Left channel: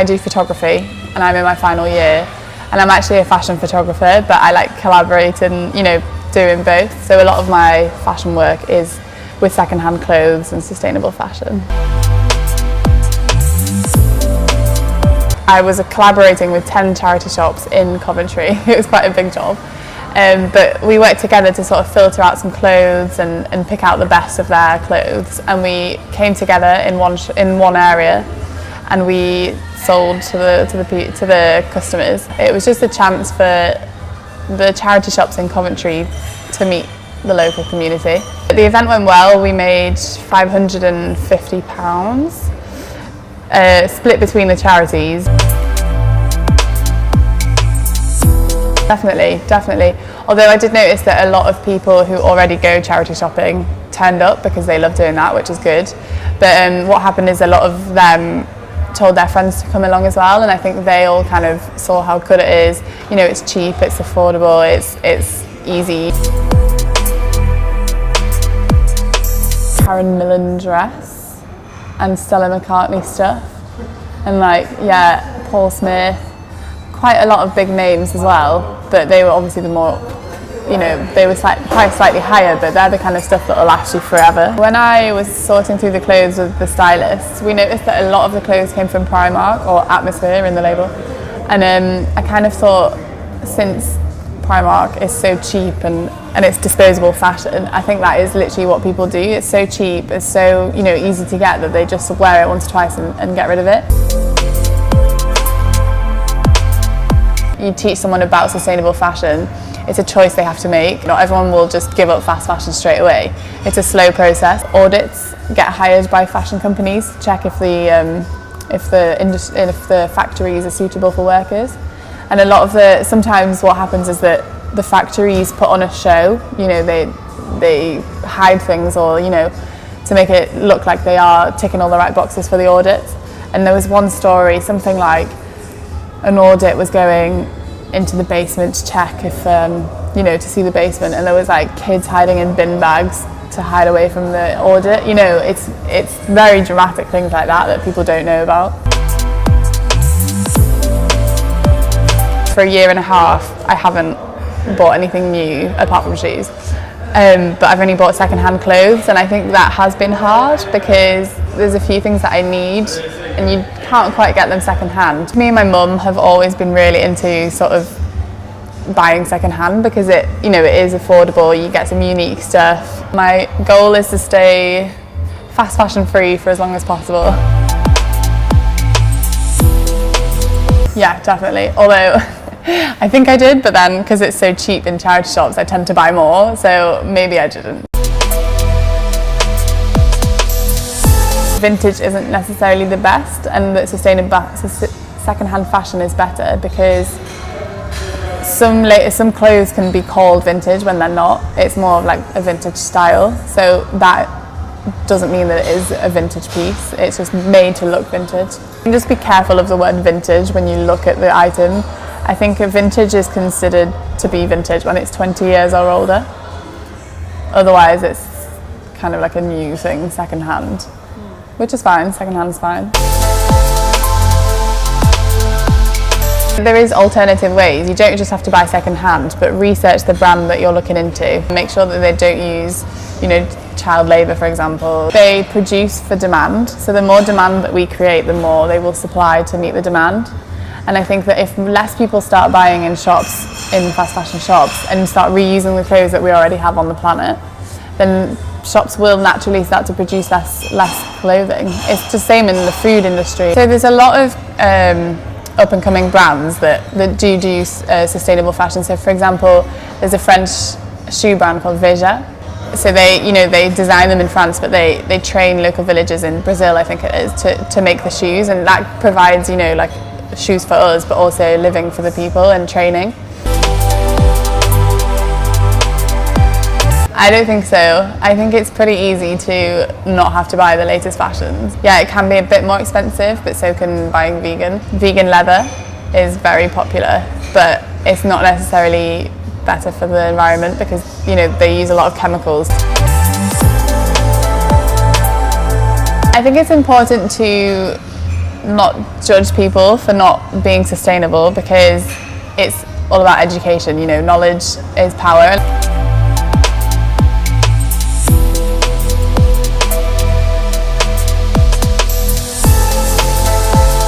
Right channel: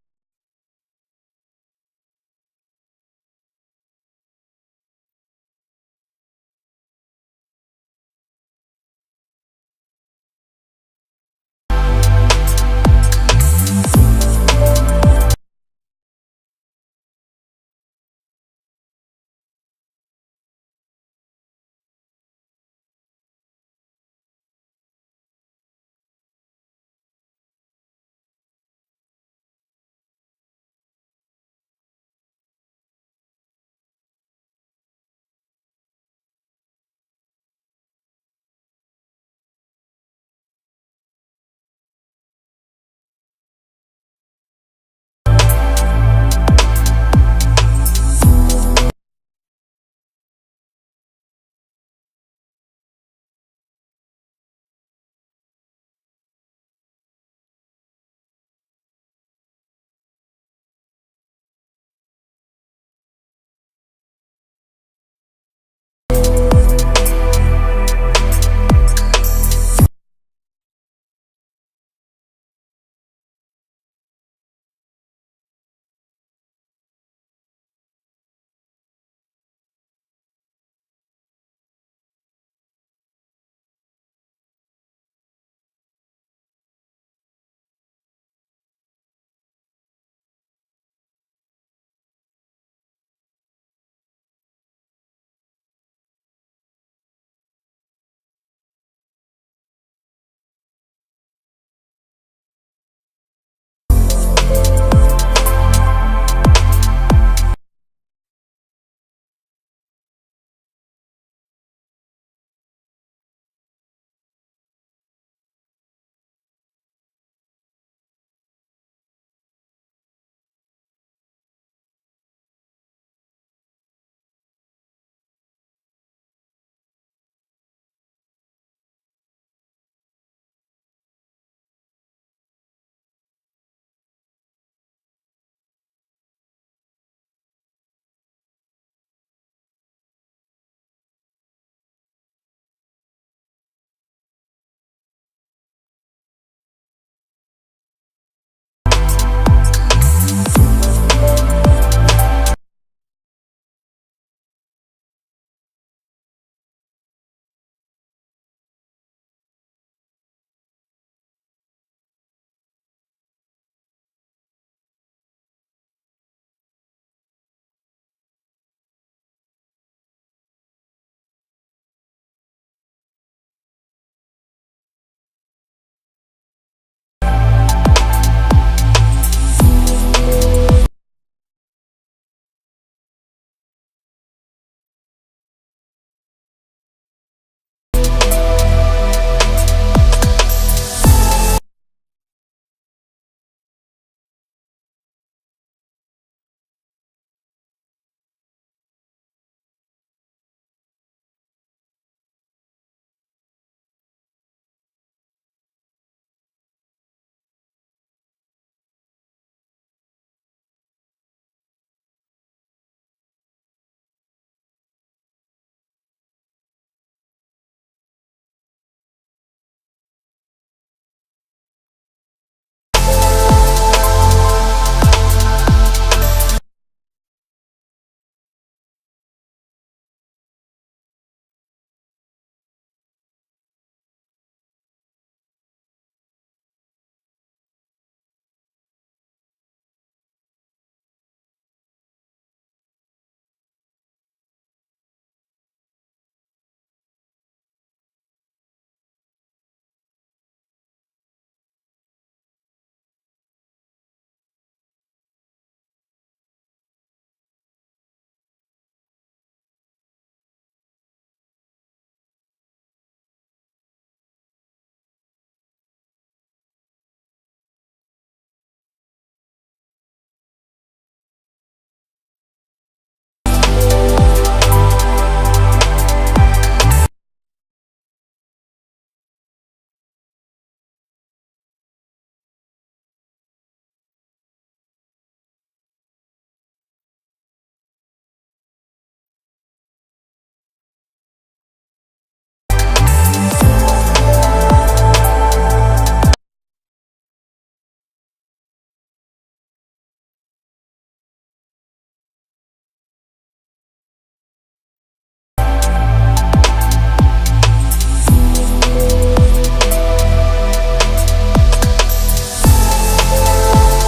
I do photography and I'm in my final year, and I'm actually a fashion photographer, but I like collaborating, doing both. So a lot of my fashion work is with secondhand clothes and sustainable fashion. I was collaborating with 10 charity shops in Coventry. It was quite a big job. But we worked together to sort of filter out some clothes and pick out the best of their clothes. And we came together in one area, and we sold to the customers. It was just a chance for the charity shops in Coventry to meet the local community. The event went well. We made £550. Split between the charities. Definitely. Although I did notice that a lot of people who already go charity shopping turned up because they love doing that, which is good. But what happened is a lot of them told their friends to come along as well, and I think they all kind of saw how good it is. It's cheap, it's affordable, it's easy. Karen Millen dress and Stella McCartney stuff, and Paul Smith, quite a lot of big names as well, but they were obviously the more, they were priced slightly higher, but they're the kind of stuff that will last you forever. When I was sorting through the clothes with the stylists, we noticed that a lot of the clothes came from Primark, or Atmosphere in the label, and I kind of thought, since Primark is so cheap and it's disposable fashion, I think that is literally what people do. It's so cheap, it's so easy to get, that they just wear it once or twice and get rid of it. You teach someone about sustainable fashion, it's a choice they have to make. Not everyone will just give up fast fashion straight away. It's a slow process. Audits get hired by fashion companies to check if the factories are suitable for workers. And sometimes what happens is that the factories put on a show, they hide things, or, to make it look like they are ticking all the right boxes for the audits. And there was one story, something like an audit was going into the basement to check if, to see the basement, and there was kids hiding in bin bags to hide away from the audit. It's very dramatic things like that people don't know about. For a year and a half, I haven't bought anything new apart from shoes, but I've only bought secondhand clothes, and I think that has been hard because there's a few things that I need and you can't quite get them secondhand. Me and my mum have always been really into sort of buying secondhand because it is affordable, you get some unique stuff. My goal is to stay fast fashion free for as long as possible. Yeah, definitely, although I think I did, but then because it's so cheap in charity shops, I tend to buy more, so maybe I didn't. Vintage isn't necessarily the best, and that secondhand fashion is better because some clothes can be called vintage when they're not. It's more of like a vintage style, so that doesn't mean that it is a vintage piece. It's just made to look vintage. And just be careful of the word vintage when you look at the item. I think a vintage is considered to be vintage when it's 20 years or older. Otherwise it's kind of like a new thing, secondhand, which is fine, secondhand's fine. There is alternative ways. You don't just have to buy secondhand, but research the brand that you're looking into. Make sure that they don't use, child labour, for example. They produce for demand, so the more demand that we create, the more they will supply to meet the demand. And I think that if less people start buying in shops, in fast fashion shops, and start reusing the clothes that we already have on the planet, then shops will naturally start to produce less clothing. It's the same in the food industry. So there's a lot of up and coming brands that do sustainable fashion. So for example, there's a French shoe brand called Veja. So they design them in France, but they train local villages in Brazil, I think it is, to make the shoes, and that provides like shoes for us, but also living for the people and training. I don't think so. I think it's pretty easy to not have to buy the latest fashions. Yeah, it can be a bit more expensive, but so can buying vegan. Vegan leather is very popular, but it's not necessarily better for the environment because they use a lot of chemicals. I think it's important to not judge people for not being sustainable, because it's all about education. You know, knowledge is power.